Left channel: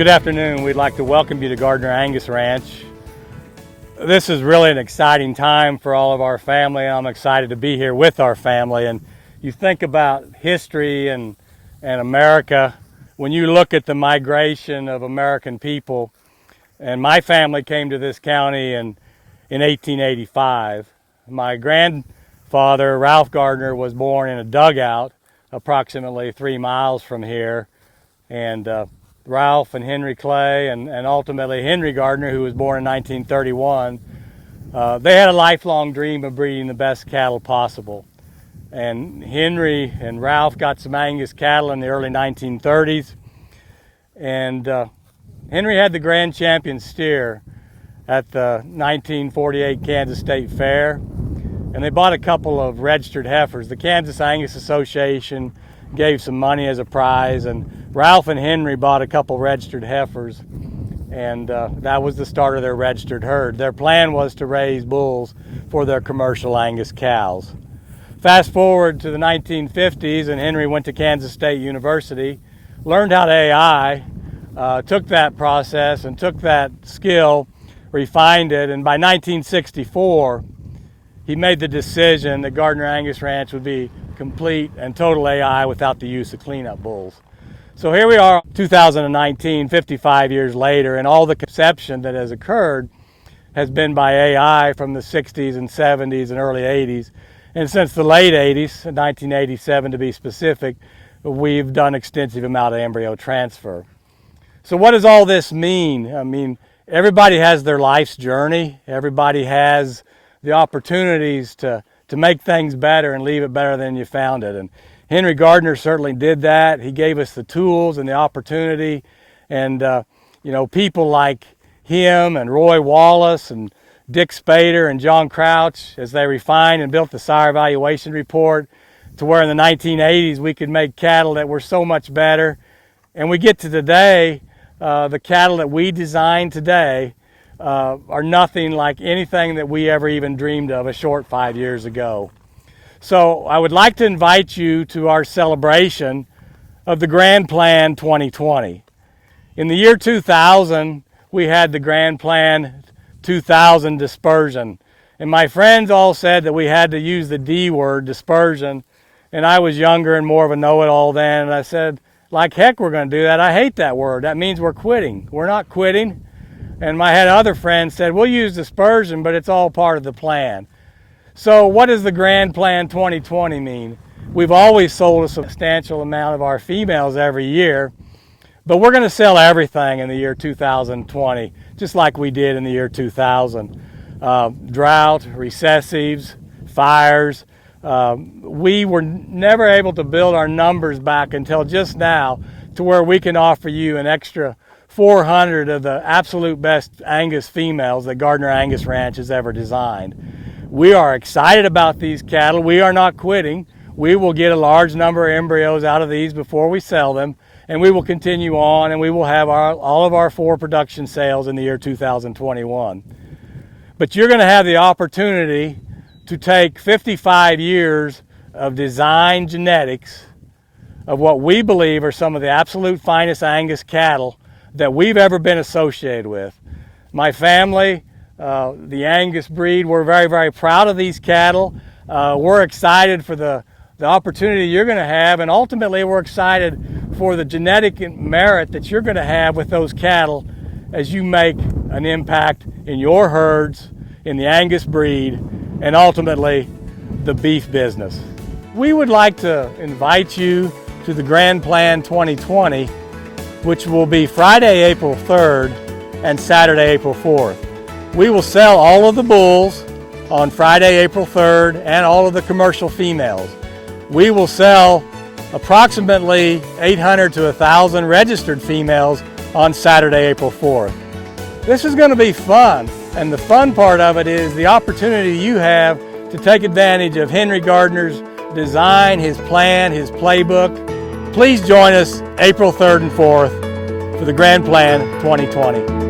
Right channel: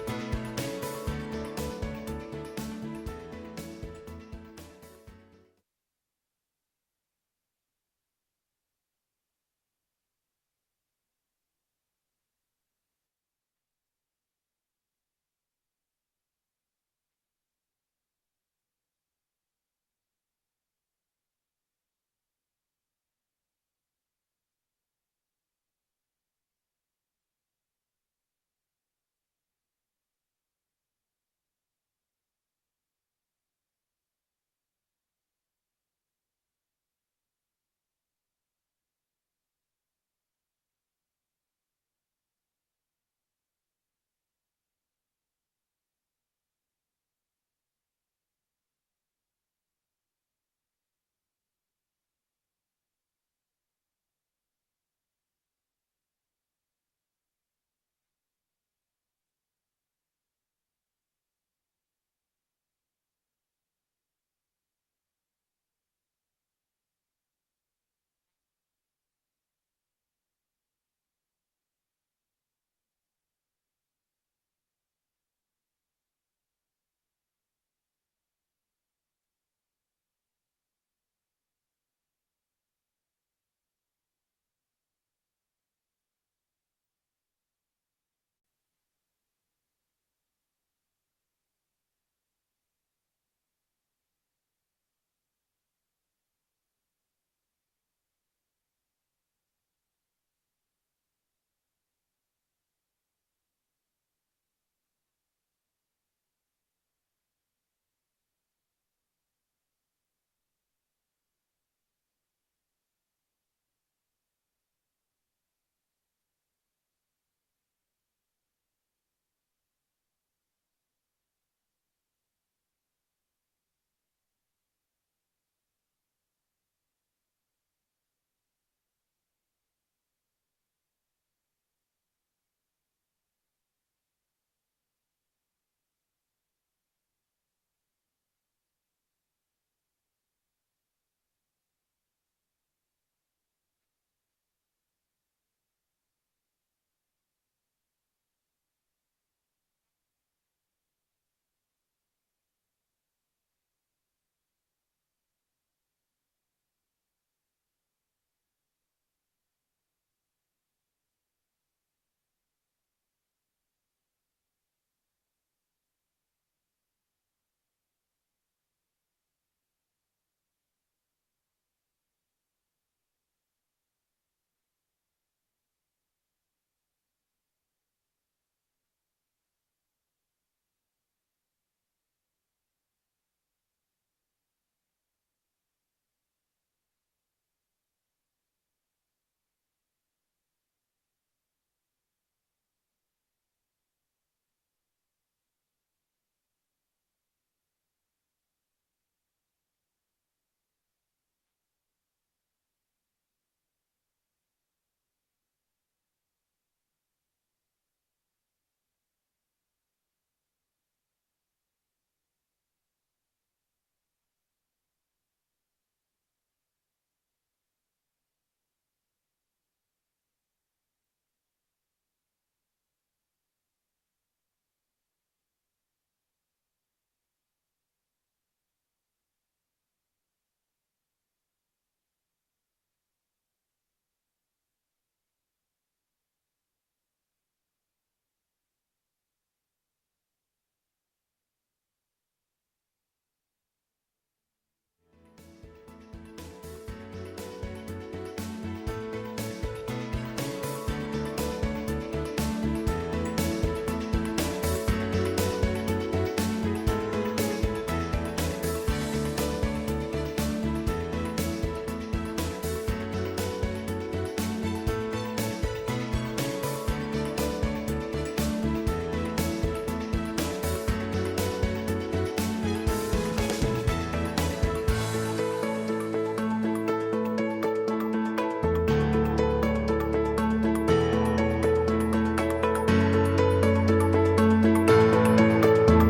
Good afternoon. We'd like to welcome you to Gardiner Angus Ranch. This is really an exciting time for all of our family. I'm excited to be here with our family. And you think about history and America, when you look at the migration of American people, and my family came to this county in 1885. My grandfather, Ralph Gardiner, was born in a dugout approximately 3 miles from here. And Ralph and Henry Clay and ultimately Henry Gardiner, who was born in 1931, they had a lifelong dream of breeding the best cattle possible. And Henry and Ralph got some Angus cattle in the early 1930s. And Henry had the grand champion steer at the 1948 Kansas State Fair. And they bought a couple of registered heifers. The Kansas Angus Association gave some money as a prize, and Ralph and Henry bought a couple registered heifers, and that was the start of their registered herd. Their plan was to raise bulls for their commercial Angus cows. Fast forward to the 1950s, and Henry went to Kansas State University, learned how to AI, took that process and took that skill, refined it, and by 1964, he made the decision that Gardiner Angus Ranch would be complete and total AI without the use of cleanup bulls. So here we are, 2019, 55 years later, and all the conception that has occurred has been by AI from the 60s and 70s and early 80s. And since the late 80s, 1987 to be specific, we've done extensive amount of embryo transfer. So what does all this mean? I mean, everybody has their life's journey. Everybody has the opportunities to make things better and leave it better than you found it. And Henry Gardiner certainly did that. He gave us the tools and the opportunity. And, people like him and Roy Wallace and Dick Spader and John Crouch, as they refined and built the sire evaluation report to where in the 1980s we could make cattle that were so much better. And we get to today, the cattle that we design today are nothing like anything that we ever even dreamed of a short 5 years ago. So I would like to invite you to our celebration of the Grand Plan 2020. In the year 2000, we had the Grand Plan 2000 dispersion. And my friends all said that we had to use the D word, dispersion. And I was younger and more of a know-it-all then. And I said, like heck, we're going to do that. I hate that word. That means we're quitting. We're not quitting. And my had other friends said, we'll use dispersion, but it's all part of the plan. So what does the Grand Plan 2020 mean? We've always sold a substantial amount of our females every year, but we're going to sell everything in the year 2020, just like we did in the year 2000. Drought, recessives, fires. We were never able to build our numbers back until just now to where we can offer you an extra 400 of the absolute best Angus females that Gardiner Angus Ranch has ever designed. We are excited about these cattle. We are not quitting. We will get a large number of embryos out of these before we sell them, and we will continue on, and we will have all of our 4 production sales in the year 2021. But you're going to have the opportunity to take 55 years of design genetics of what we believe are some of the absolute finest Angus cattle that we've ever been associated with. My family, the Angus breed, we're very, very proud of these cattle. We're excited for the opportunity you're going to have, and ultimately we're excited for the genetic merit that you're going to have with those cattle as you make an impact in your herds, in the Angus breed, and ultimately the beef business. We would like to invite you to the Grand Plan 2020, which will be Friday, April 3rd and Saturday, April 4th. We will sell all of the bulls on Friday, April 3rd, and all of the commercial females. We will sell approximately 800 to 1,000 registered females on Saturday, April 4th. This is going to be fun, and the fun part of it is the opportunity you have to take advantage of Henry Gardiner's design, his plan, his playbook. Please join us April 3rd and 4th for the Grand Plan 2020.